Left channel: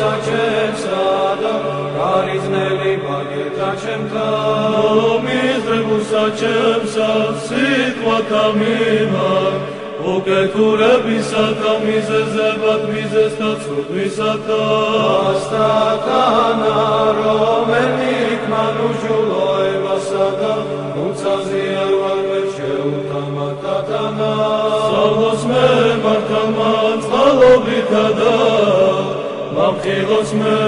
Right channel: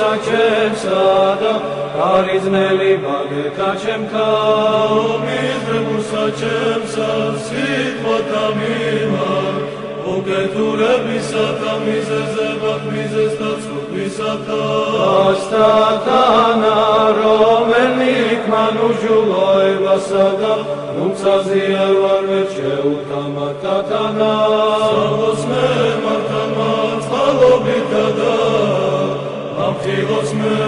საჩემსა და გარიზნელი მაგეთა ჩემთან მიდრებულსა ჩემსა სიტყვათა მიმართ უკეთურებისა და მიზეზებად მიზეზთა ცოდვისათა ასთანა რომელიც მანუჯულოებასა და მუცაზე არ ვარ ვერ შეუთამათათანა სალოს მე მართამაც ხალობითა და ლამხილოს მე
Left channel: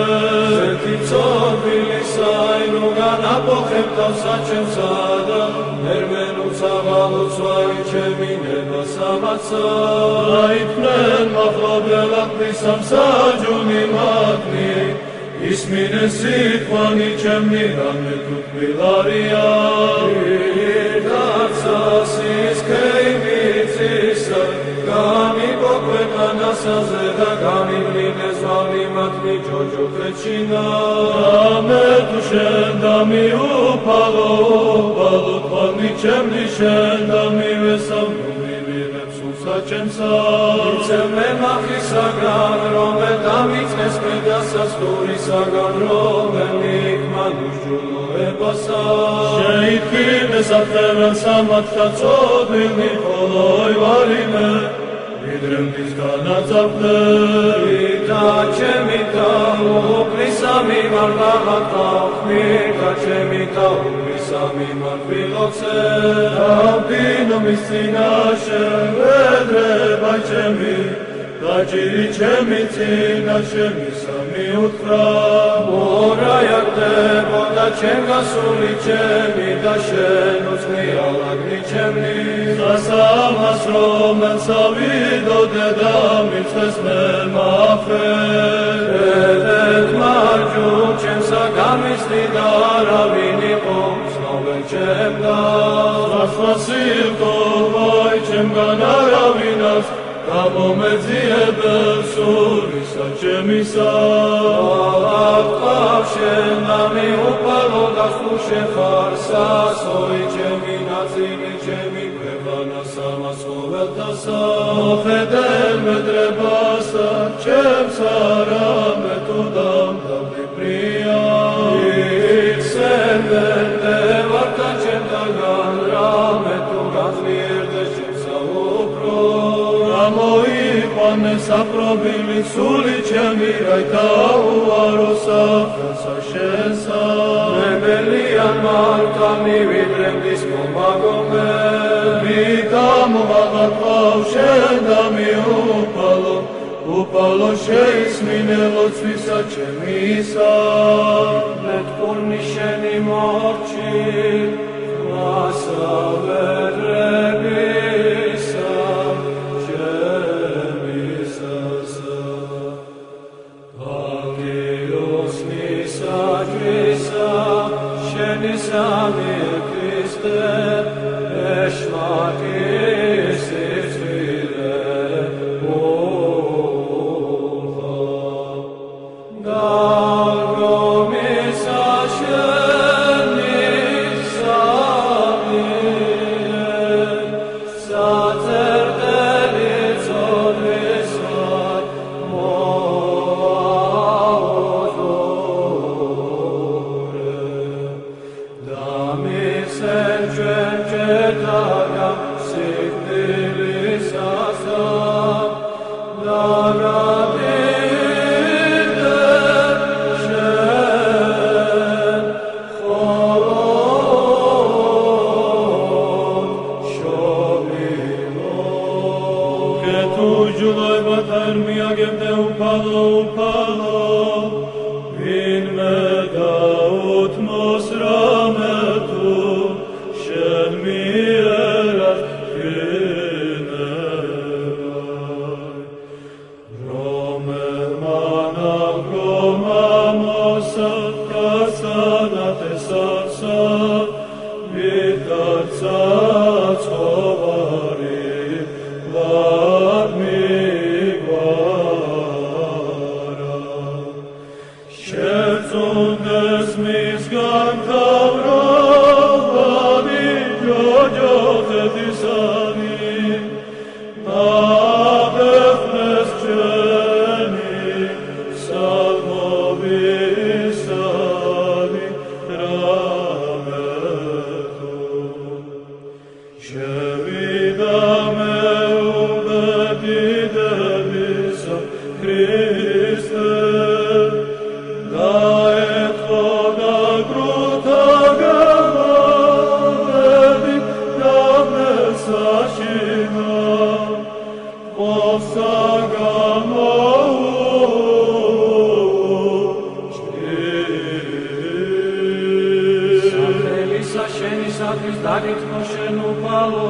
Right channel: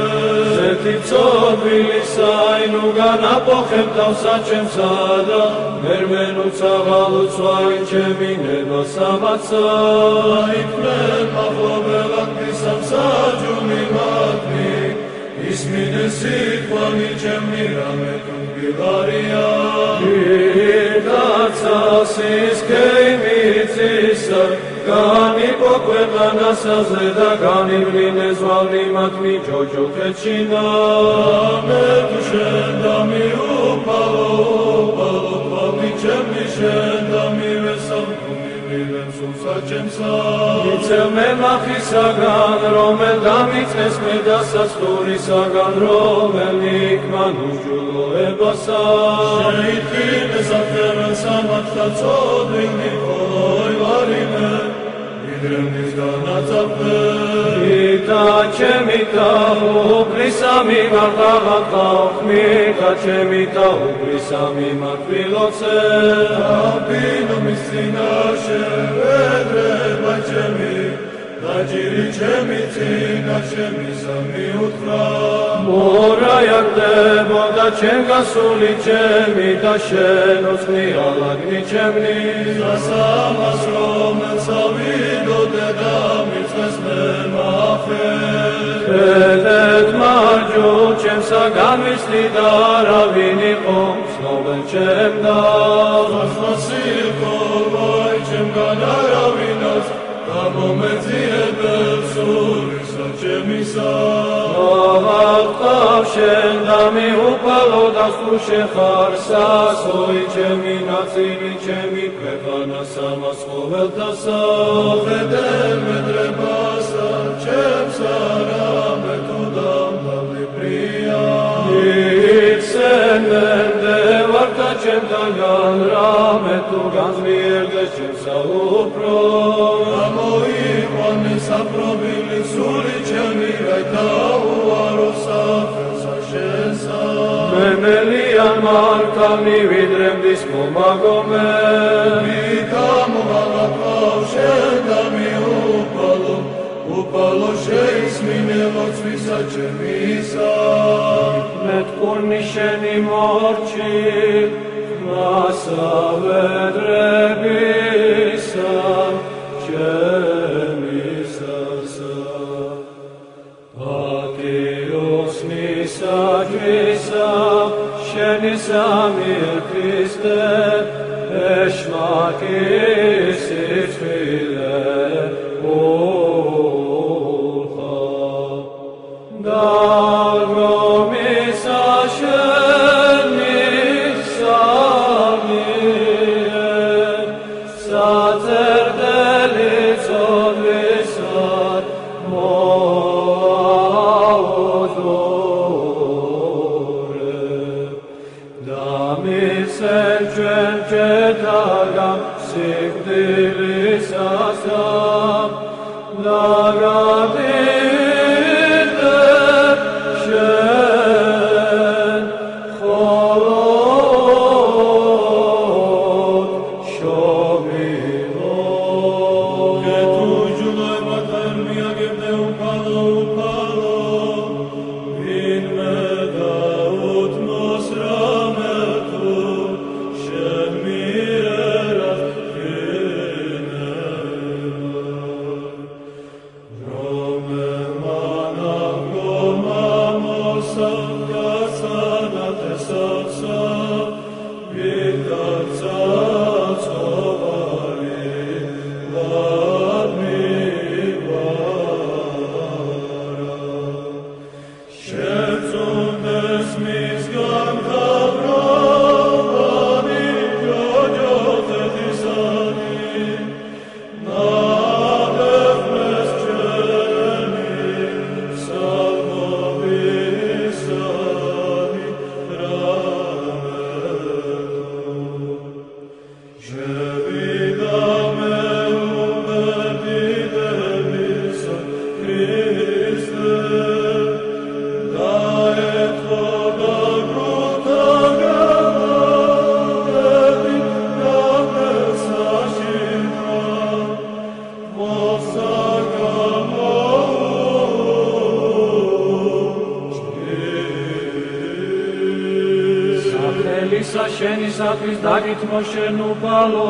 ზეთი ცოდვილისა ინუგან აპოხებთავსა ჩემსა და მერმენუცა ღალუცვა ჩემი ნებასამაცა აიქნენ მახლობელად მისამსაჯული მათნი ისმინე სიტყვანი ჩემი რამე თუ თბილარია ირთაცასის ქეიმიცისა განიპოკვეთლანასაზე და განივლინეს ვალი მათნი ჯოჯოხეთშინა რამე თუ შენ და მიუფალო უფალო თვალნი ჩემნი შენ და მივესამნი მივემსულსა ჩემსა იცემე მახისაგან რომელ დამიწყეს მიდასაც თურისაგან რომელიქ მანუჯულოებასა შეითქინეს აფერანსა მათთა ცოდვილი ოლოი ვარიმე იდრემნის განაწაფე და ჩემი და უფლისა მიმართ ხმი და ჩემი და უფლისა მიმართ ვილოცე ამბინო მის წინაშე ვედრება ჩემი და ჯირი ჩემი წინაშე მისა მიუთხრა მორაიაგდებოდა ჩემ გასული ჩემი და შენ უცნი ალაგნი ჩემნი სასამას რომელსა ვიდოდე და მიწყეს მე მაფე ევედ მარჯუ ჩემსა განვიცდი და არავინ იყო მსნობელ ჩემ და ხასხასიყო ვაი ჩემგან არავინას გამომეძიებელ სულისა ჩემისა აღყავ შენ და მიუყვალო და სულშენ ხარ სასოი ჩემი ნაწილი ჩემი ქვეყანა სამას ყოველთასა ხედელ მედრებასა ჩემსა რამე თუ დამთავრდი პრია იცემენდე ვართა ჩემთანგან რამე თუ განძლიერდეს ჩემსა უფრო საპრობილი სული ჩემი რაითა უარო საფრენსა შენსა მემელიან მართა მივიდრემდის მომაგომე მიგამოაღაფავ შენ და მიუფალო უფალო შეისმინე ლოცვისა ჩემისა მეტკურნი შენი მორჩი მასავედრებისა Samir Christe, Eshmatis Isfile, Ulfa, Dagomisa Shenis Samir, დაგითმო შენ უყალო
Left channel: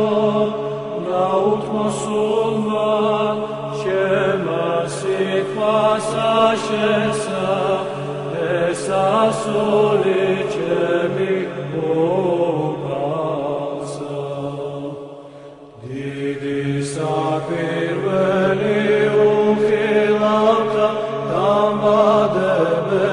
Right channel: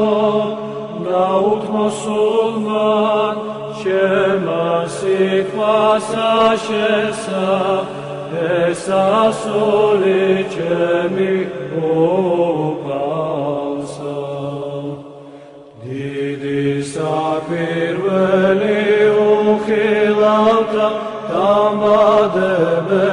გაუთმო სულმა ჩემა სიყვასა შესა ესასული ჩემი უყალსა დიდი საკვირველი უხილავდა დამადებ